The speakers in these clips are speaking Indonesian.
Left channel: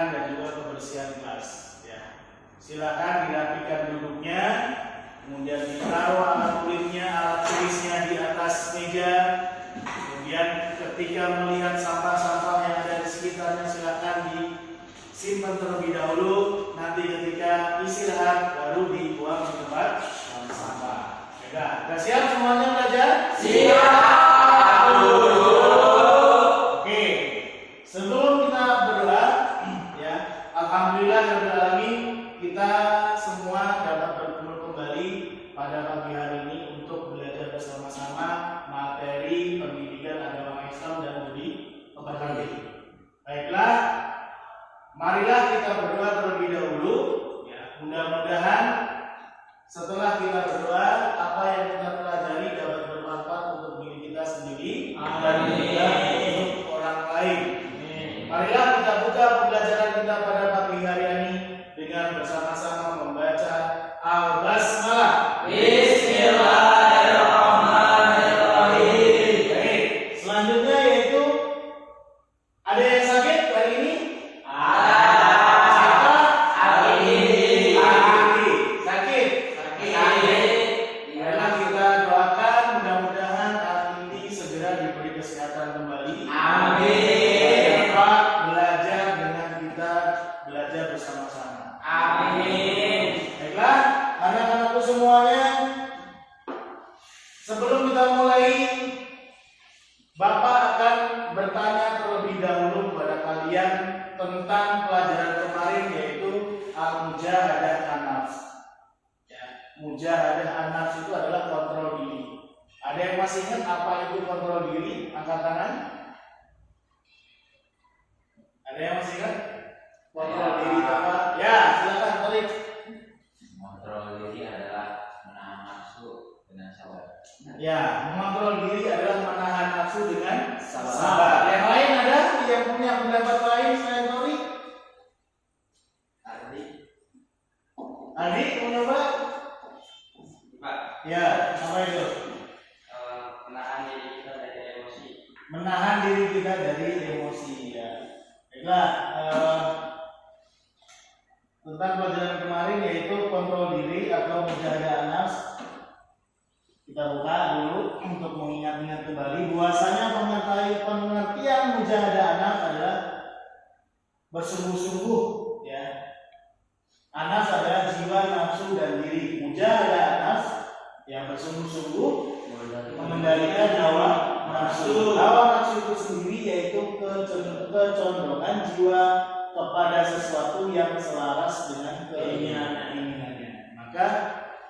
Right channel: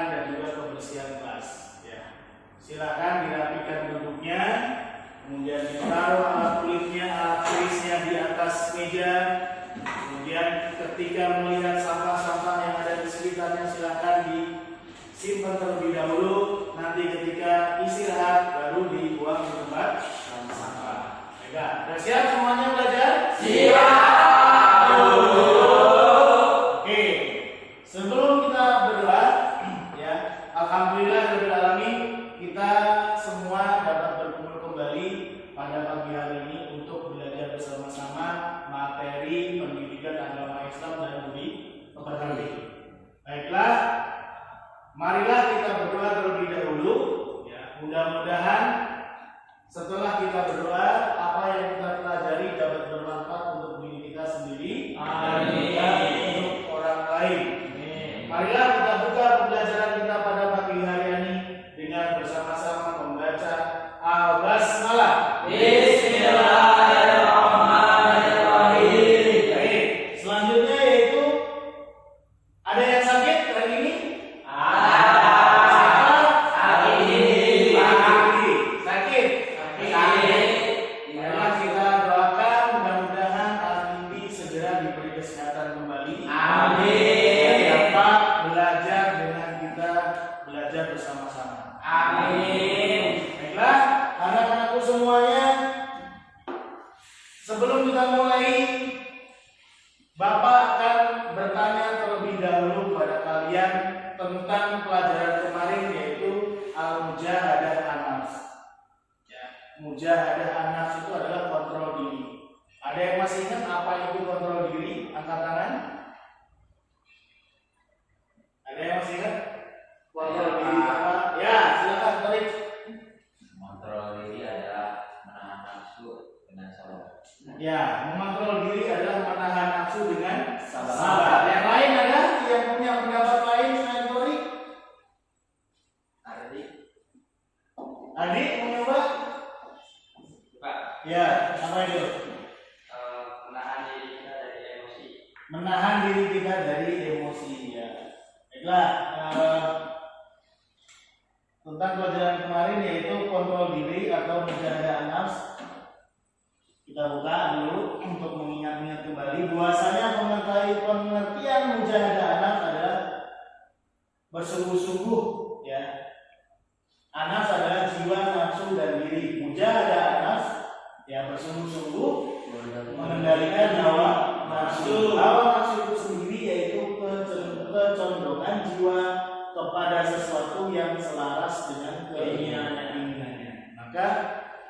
kebersihan dan juga kebersihan kelas. Ya, silakan dirapikan duduknya, kemudian ditaruh alat kulitnya, alat tulisnya di atas meja. Kemudian ketika melihat sampah-sampah yang ada di sekitarnya, silakan disimpan terlebih dahulu. Nanti ketika istirahat baru dibuang ke tempat sampah. Baiklah, sudah siap semuanya belajar? Siap. Oke, sebelum kita berdoa, ya, alhamdulillah kita semua dapat berkumpul kembali pada pagi hari ini untuk belajar bersama-sama materi pendidikan agama Islam dan budi pekerti. Baiklah, marilah kita berdoa terlebih dahulu. Ya, mudah-mudahan setelah kita berdoa, apa yang kita pelajari dapat bermanfaat untuk diri kita sendiri dan juga untuk orang lain. Marilah kita buka pembelajaran kita pada pagi hari ini dengan bersama-sama membaca Al-Basmalah. Bismillahirrahmanirrahim. Baik, selanjutnya yaitu ada yang sakit hari ini? Bersama-sama. Amin. Baiklah, anak-anakku semuanya, sebelum kita mulai, Bapak akan bertanya terlebih dahulu kepada kalian tentang pelajaran kemarin, yaitu Al-Mujahadah An-Nafs. Ya, Mujahadah An-Nafs itu adalah kontrol diri. Ada yang masih ingat apa itu kontrol diri? Angkat tangan. Ada yang masih ingat? Kontrol diri apa? Ya, silakan Torik. Mengontrol diri adalah menahan nafsu dengan sabar. Ya, mengontrol diri adalah menahan nafsu dengan sabar. Yang lain ada yang punya pendapat lain selain Torik? Adik mau coba? Pak, Ya, apa itu? menahan diri kita dari emosi. Menahan diri kita dari emosi. Ya, baiklah. Tentang pelajaran kemarin yaitu kontrol diri atau mujahadah an-nafs. Kita buka dulu untuk mengingat-ingat kembali bahwasanya pengertian mujahadah an-nafs adalah bersungguh-sungguh, ya. An-nafs adalah jiwa, nafsu dan diri. Mujahadah an-nafs ya bersungguh-sungguh mengendalikan hawa nafsu. Hawa nafsu itu sendiri yaitu kecondongan jiwa kepada sesuatu yang selaras dengan keinginannya. Maka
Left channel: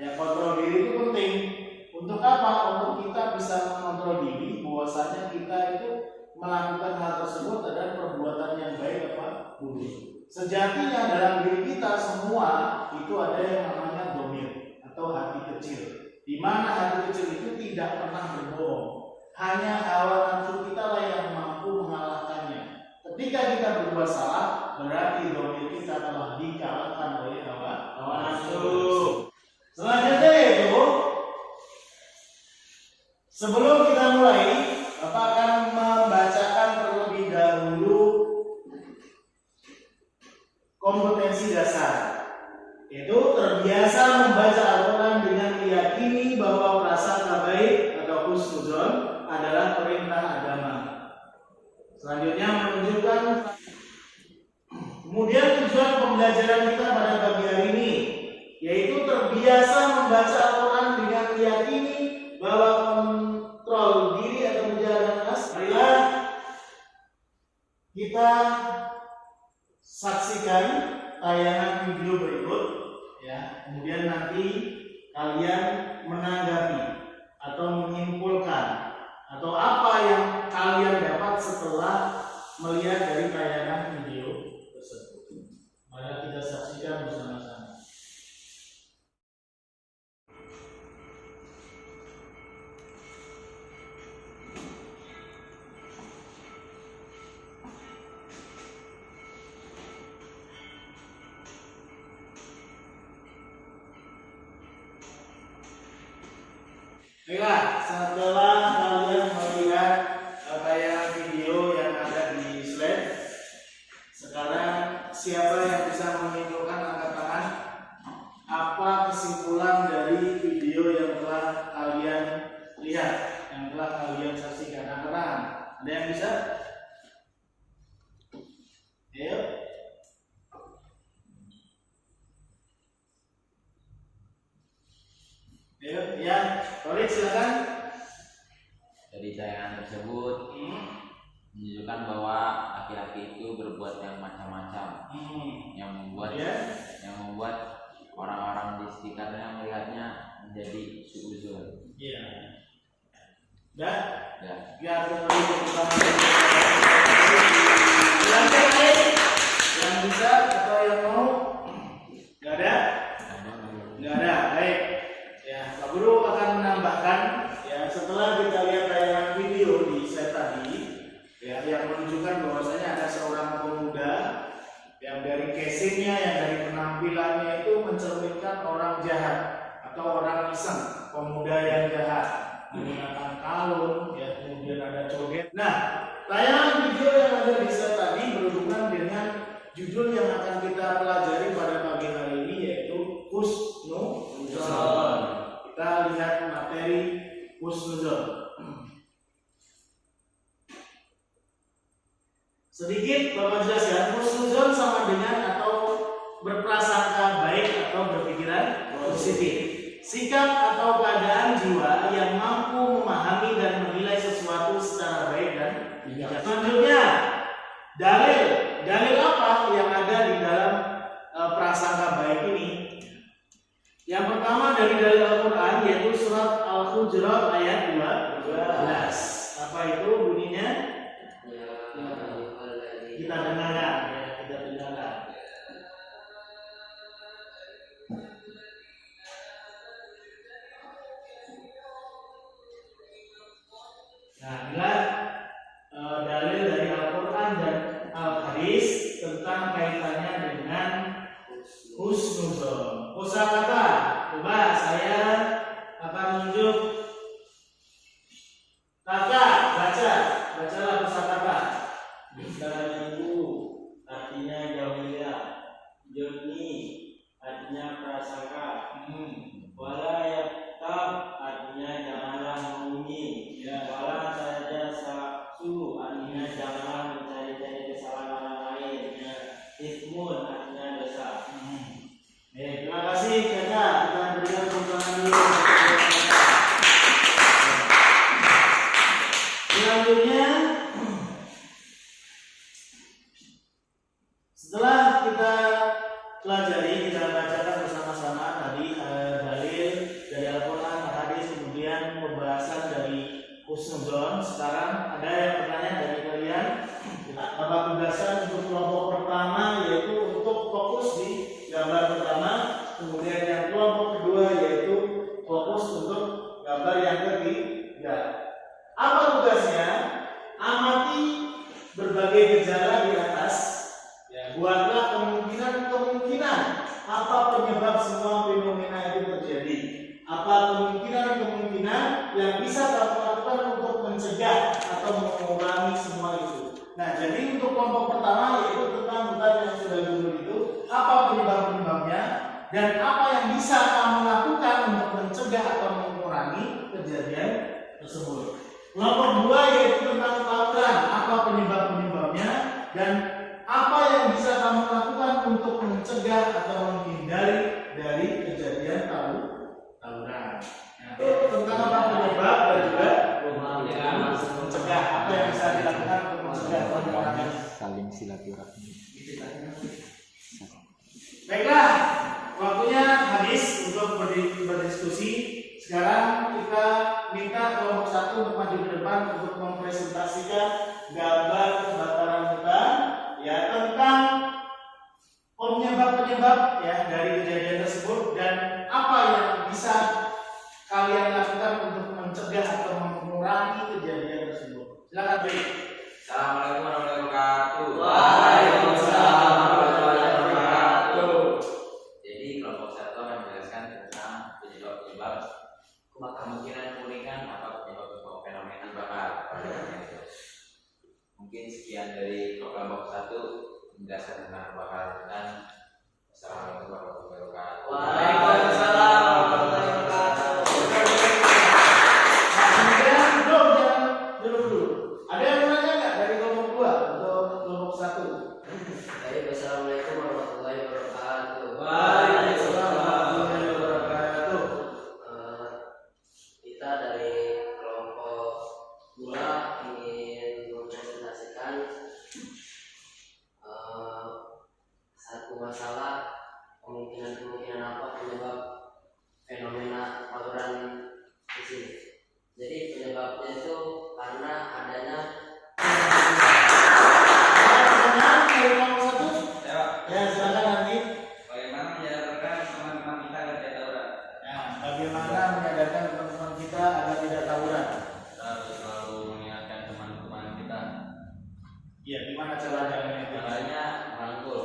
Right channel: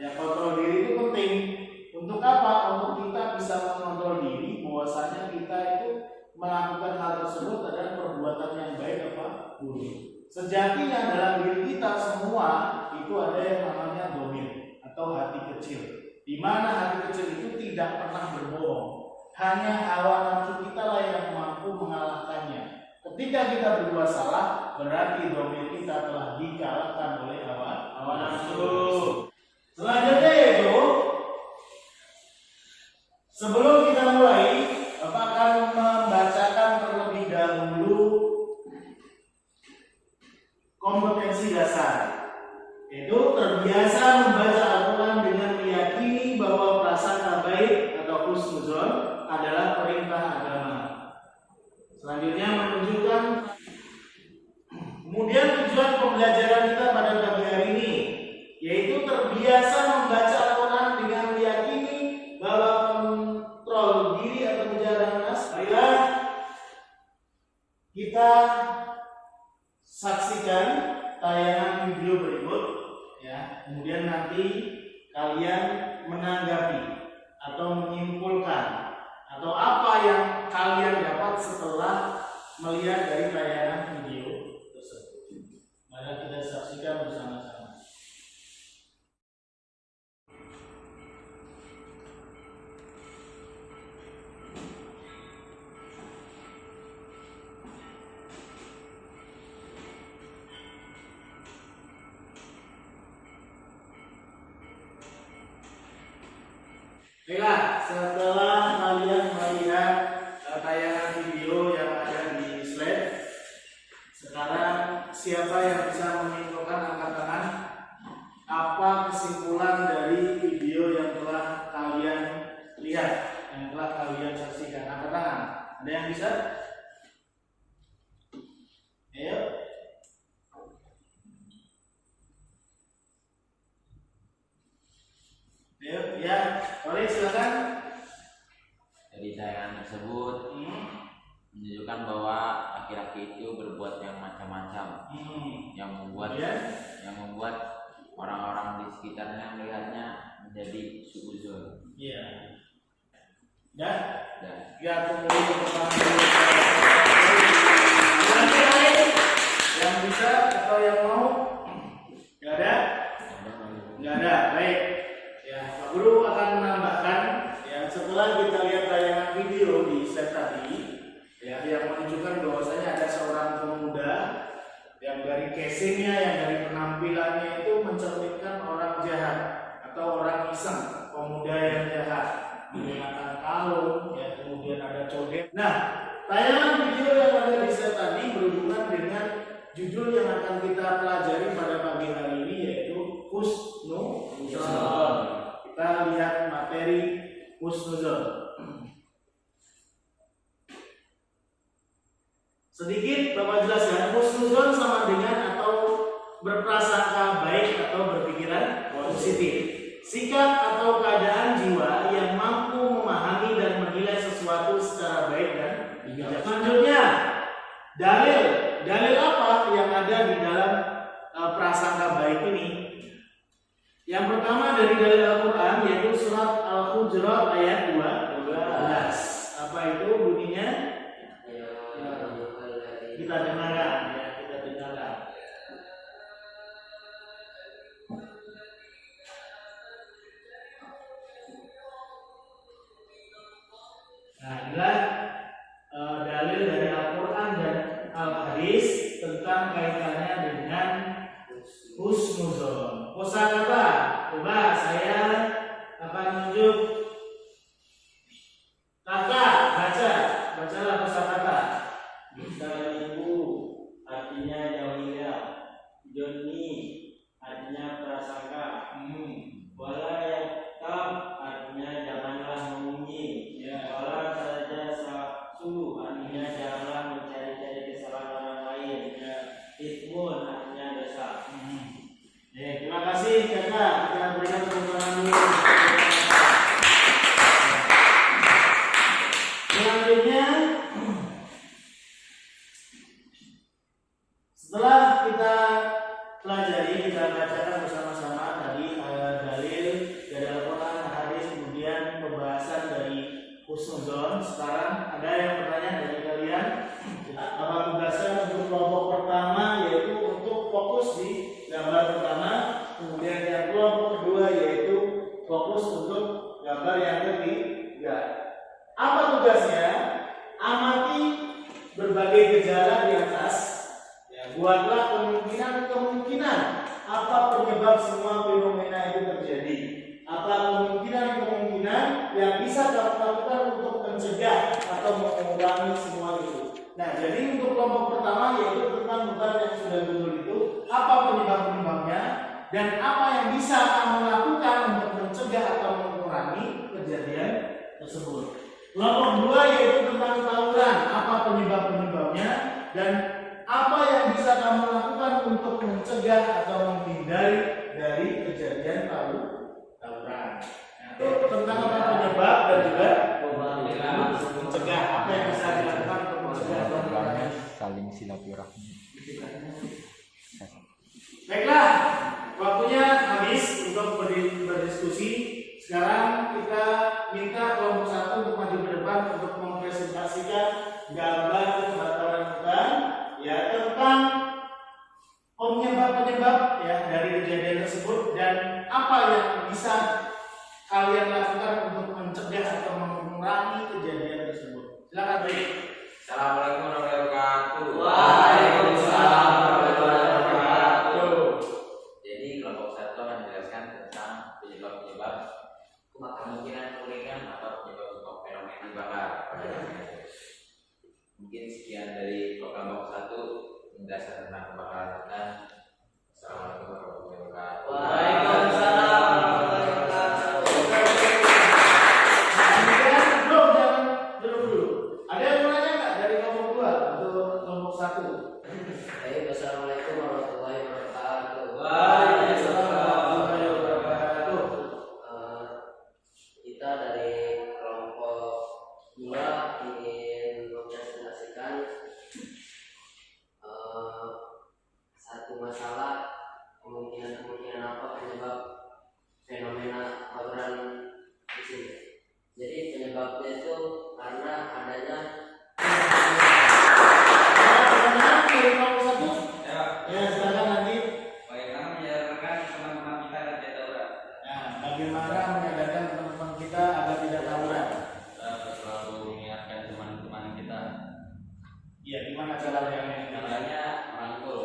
ya kontrol diri itu penting. Untuk apa? Untuk kita bisa mengontrol diri bahwasanya kita itu melakukan hal tersebut adalah perbuatan yang baik apa buruk. Sejatinya dalam diri kita semua itu ada yang namanya domir atau hati kecil, di mana hati kecil itu tidak pernah berbohong. Hanya hawa nafsu kita lah yang mampu mengalahkannya. Ketika kita berbuat salah, berarti domir kita telah dikalahkan oleh hawa nafsu. Selanjutnya itu, sebelum kita mulai, Bapak akan membacakan terlebih dahulu kompetensi dasar. Itu terbiasa membaca Al-Quran dengan meyakini bahwa prasangka baik atau husnuzon adalah perintah agama. Selanjutnya menunjukkan kemudian tujuan pembelajaran kita pada pagi hari ini yaitu terbiasa membaca Al-Quran dengan meyakini bahwa kontrol diri atau mujahadah an-nafs adalah kita saksikan tayangan video berikut, ya. Kemudian nanti kalian menanggapi atau menyimpulkan atau apa yang kalian dapat setelah melihat dari tayangan video tersebut. Mari kita saksikan bersama-sama. Baiklah, setelah kalian melihat tayangan video yang ada di slide, sekarang siapa yang bisa menyimpulkan angkat tangan? Apa kesimpulan dari video yang telah kalian lihat, yang telah kalian saksikan? Angkat tangan. Ada yang bisa? Ayo. Ayo, ya. Sorry, silakan. Dari tayangan tersebut menunjukkan bahwa laki-laki itu berbuat yang macam-macam, yang membuat orang-orang di sekitarnya melihatnya menjadi suuzon. Iya. Ya. Ya. Ya, yang bisa atau yang mau? Nggak ada? Nggak ada. Baik. Ya, Pak Guru akan menambahkan. Ya, setelah kita lihat tayangan video di slide tadi, ya, yang menunjukkan bahwasanya ada seorang pemuda yang dari casingnya, yang dari penampilannya itu mencerminkan orang jahat atau orang iseng, pemuda yang jahat menggunakan kalung, ya, kemudian ada codet. Nah, tayangan video yang ada di slide tadi berhubungan dengan judul yang akan kita pelajari pada pagi hari ini, yaitu husnuzon. Kita lihat materi husnuzon. Sedikit Bapak jelaskan, husnuzon sama dengan atau berprasangka baik atau berpikiran positif. Sikap atau keadaan jiwa yang mampu memahami dan menilai sesuatu secara baik dan bijak. Selanjutnya, dalil apa yang ada di dalam prasangka baik ini? Yang pertama dari dalil Al-Quran, yaitu surat Al-Hujurat ayat 12. Apa itu bunyinya? Kita dengarkan, ya, kita dengarkan. Nah, inilah dalil dari Al-Quran dan Al-Hadis tentang kaitannya dengan husnuzon. Kosakata, coba saya akan tunjuk. Kakak, bacalah kosakata. Misalnya itu artinya jauhilah, joni artinya prasangka, wala yaktab artinya janganlah mengunyi, wala saja saksu artinya janganlah mencari-cari kesalahan orang lain, ismun artinya dosa. Terima kasih kakak, kita berikan tepuk dulu. Selanjutnya, setelah kita pelajari, kita bacakan bersama-sama tadi dalil dari Al-Quran, Hadis, kemudian pembahasan dari husnuzon. Sekarang ada yang bertanya dari kalian, apa tugasan untuk kelompok pertama, yaitu untuk fokus di gambar pertama, kemudian yang kelompok kedua yaitu fokus untuk gambar yang ketiga. Apa tugasnya? Amati berbagai gejala di atas. Buatlah kemungkinan apa penyebab semua fenomena itu terjadi. Apa kemungkinan yang bisa kamu lakukan untuk mencegah atau mengurangi semua itu. Nah, jadi untuk kelompok pertama yaitu tentang hutan yang sudah gugur itu, apa penyebabnya dan apa yang bisa kamu lakukan untuk mencegah atau mengurangi kejadian tersebut. Kelompok kedua yaitu tentang tawuran, apa penyebabnya dan apa yang bisa kamu lakukan untuk mencegah atau menghindari dari kejadian tawuran. Nah, tentang apa penyebab dan juga mencegah, apa yang bisa dilakukan untuk mencegah atau mengurangi. Saling silaturahmi. Baiklah, waktunya habis untuk berdiskusi. Sekarang kita minta kelompok satu untuk maju ke depan untuk mempresentasikan gambar kebakaran hutan, ya, tentang penyebab ya dari kejadian tersebut dan apa yang bisa kalian lakukan untuk mencegah atau mengurangi kejadian tersebut. Silakan, Baik. Assalamualaikum warahmatullahi wabarakatuh. Waalaikumsalam warahmatullahi wabarakatuh. Jadi kelompok satu akan menjelaskan tentang penyebab kemungkinan apa penyebab fenomena bakar. Mungkin sekian dari kelompok satu menjelaskan tentang kebakaran persilahkan. Assalamualaikum warahmatullahi wabarakatuh. Waalaikumsalam warahmatullahi wabarakatuh. Kemudian belum, jangan dulu. Ada yang mau nanya nggak dari kelompok 2 atau kelompok 1? Baik, assalamualaikum warahmatullahi wabarakatuh. Waalaikumsalam warahmatullahi wabarakatuh. Kita dari kelompok 2 ingin mempresentasikan satu masalah, kemungkinan apa penyebab fenomena tawuran di sini. Jadi penyebabnya itu karena adanya Dari kelompok 1? ya, Ya, silakan nanti. bagaimana menyadarkan teman-teman kita agar tidak tawuran. Nah, bagaimana menyadarkan teman-teman kita agar tidak tawuran? Kita harus selalu mengingatkan teman-teman kita. Iya, gimana caranya? Caranya merangkul,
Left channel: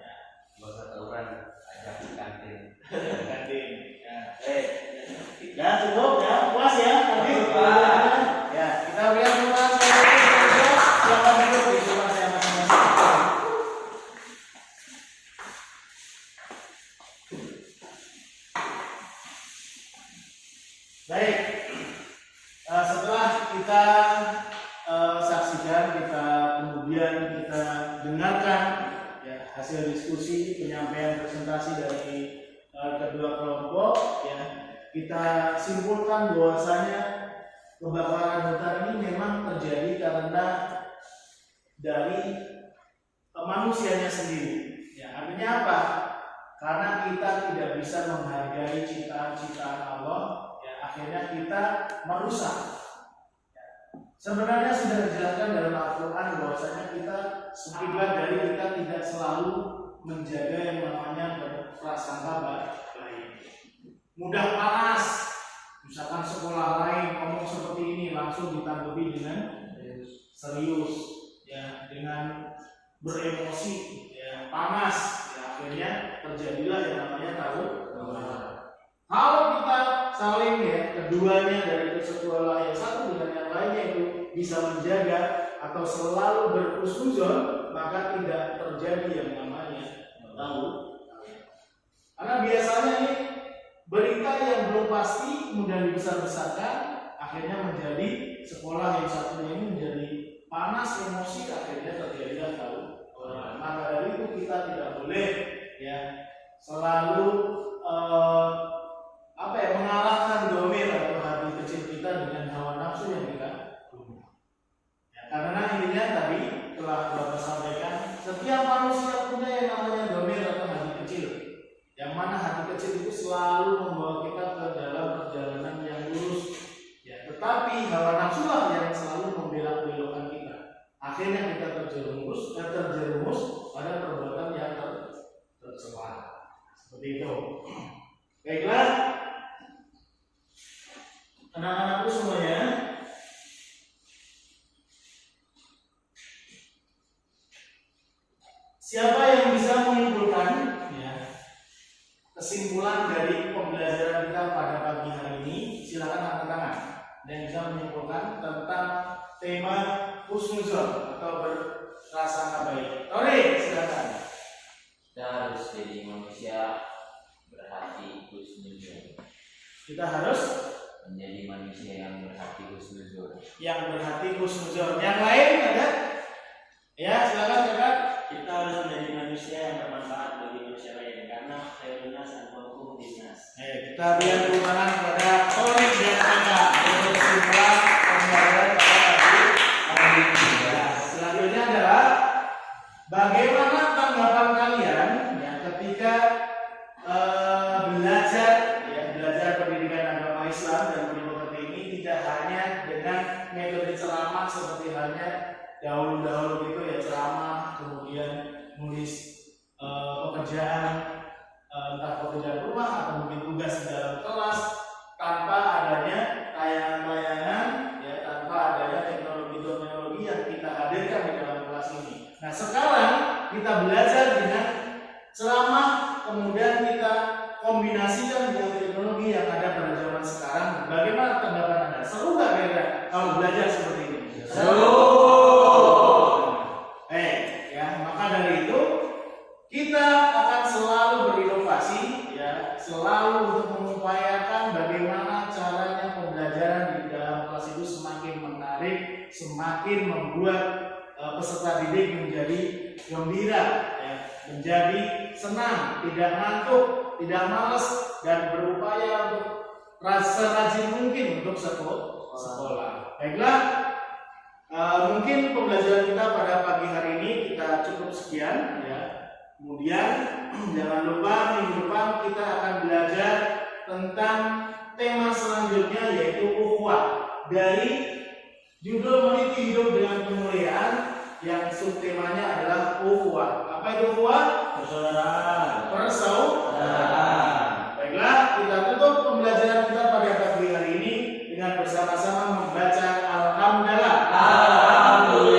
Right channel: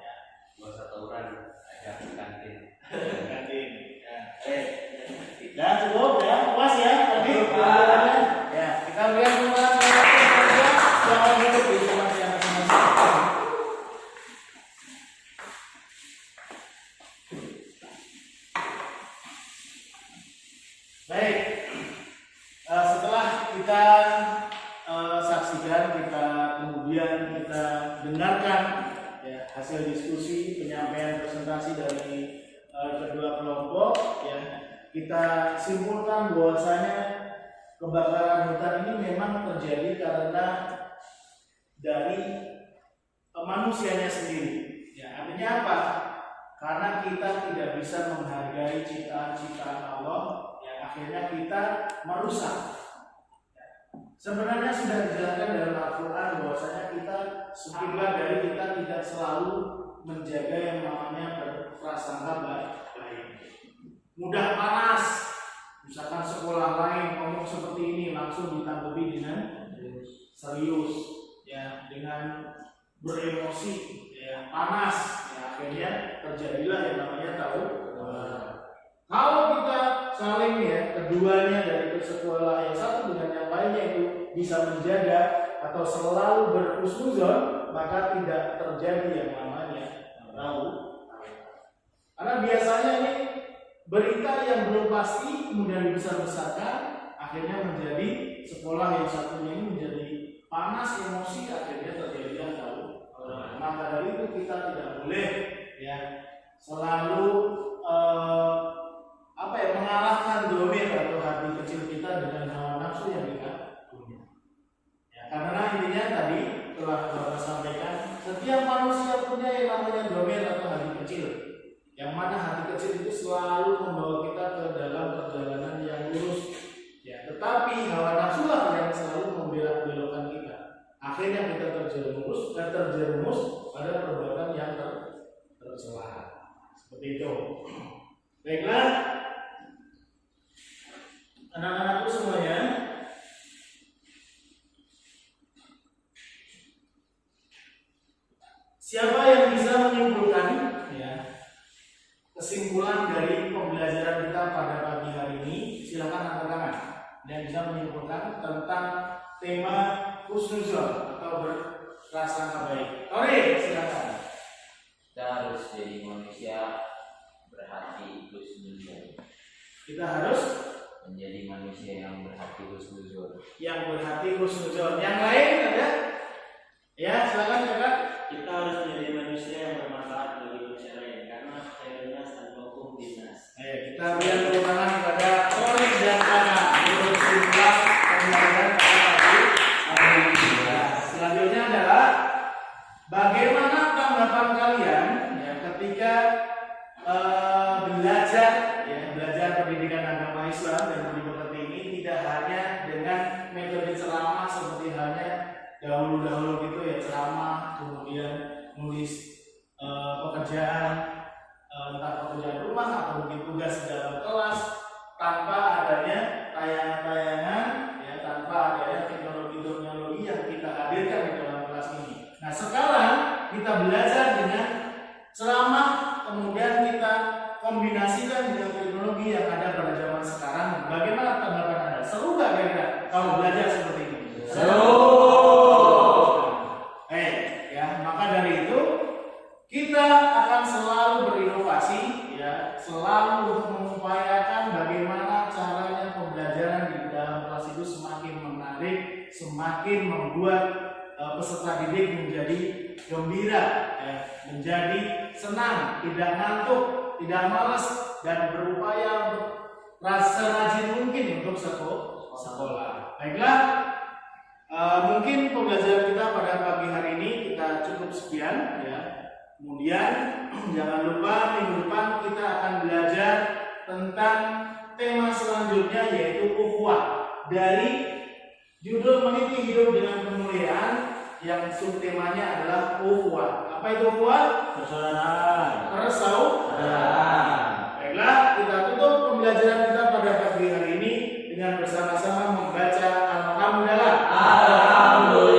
ya, nggak usah tawuran, ajak ke kantin. Kantin. Ya, cukup ya, puas ya, tadi. Ya, kita lihat semua jangan duduk di tempat yang masing-masing. Baik, setelah kita saksikan, kita kemudian kita dengarkan ya, hasil diskusi penyampaian presentasi dari kedua kelompok, ya, kita simpulkan bahwasanya kebakaran hutan ini memang terjadi karena dari manusianya sendiri. Ya, artinya apa? Karena kita tidak bisa menghargai ciptaan-ciptaan Allah, ya, akhirnya kita merusak. Ya. Sebenarnya sudah dijelaskan dalam Al-Quran bahwasanya kita sekilas dari kita tidak selalu menjaga yang namanya berprasangka baik. Mudah panas, misalkan sekolah lain ngomong seperti ini langsung ditanggapi dengan serius, ya, dengan beremosi, ya, panas, ya, akhirnya terjadilah yang namanya tawuran. Kalau kita saling, ya, keduanya dari sekolah yang satu dengan yang lainnya itu bisa menjaga atau selalu berhusnuzon, maka tidak terjadi yang namanya tawuran. Karena biasanya ini berita yang belum pasti kemudian dibesar-besarkan, akhirnya menjadi sekolah yang satunya ini menjadi panas emosi, akhirnya terjadilah tawuran. Maka dari itu kita tidak boleh, ya, selalu mengalahkan domir atau hati kecil kita dengan hawa nafsu yang kita punya. Ya, karena intinya tadi telah Bapak sampaikan, setiap manusia punya yang namanya domir atau hati kecil. Yang mana hati kecil itu selalu membawa kita ke dalam perjalanan yang lurus, ya, tetapi hawa nafsu lah yang selalu membelok-belokkan kita. Akhirnya kita terjerumus pada perbuatan yang tercela. Seperti itu. Baiklah, anak-anakku semuanya, siapa yang bisa menyimpulkan, ya, kesimpulan dari pembelajaran kita pada pagi hari ini? Silakan angkat tangan dan bisa menyimpulkan tentang tema husnuzon atau berprasangka baik. Oke, silakan. Kita harus jadi manusia berhati husnuzon. Kita harus Menjadi manusia yang berhati husnuzon. Yang lain ada? Ya, silakan kakak. Kita harus menjadi manusia yang bermanfaat bagi manusia lain, karena khairunas anfa'uhum linnas. Kita berikan tepuk tangan kepada Torik dan kakak untuk simpulan pembelajaran pada pagi hari ini. Selanjutnya adalah bagaimana tanggapan kalian, ya, ketika belajar pendidikan agama Islam dan mendidik ini tidak hanya dengan metode ceramah seperti halnya dahulu gitu, ya, ceramah kemudian nulis pekerjaan, entah pekerjaan rumah atau mungkin tugas di dalam kelas, tanpa adanya tayangan-tayangan, ya, tanpa adanya teknologi yang kita hadirkan di dalam kelas ini. Nah, sekarang kita belajar dengan ceramah, kemudian kita kombinasikan dengan teknologi yang ada pada zaman sekarang. Bagaimana tanggapan Anda? Seru nggak kira-kira kalau belajar seperti ini? Seru. Ya, maka dari itu kita akan selalu berinovasi, ya, selalu untuk mengupayakan bagaimana caranya pembelajaran di dalam kelas itu semakin menarik, semakin membuat peserta didik menjadi gembira, ya, menjadi senang, tidak ngantuk, tidak malas, dan berupaya untuk serajin mungkin untuk sekolah. Baiklah, mungkin pembelajaran kita pada pagi hari ini kita cukup sekian, ya. Kemudian jangan lupa minggu depan kita akan belajar tentang tema selanjutnya, yaitu ukhuwah. Dari judul Meniti Hidup dengan Kemuliaan, yang subtemanya adalah ukhuwah. Apa itu ukhuwah? Persaudaraan. Persaudaraan. Baiklah, kita tutup pembelajaran kita pada pagi hari ini dengan bersama-sama membaca Alhamdulillah. Alhamdulillah.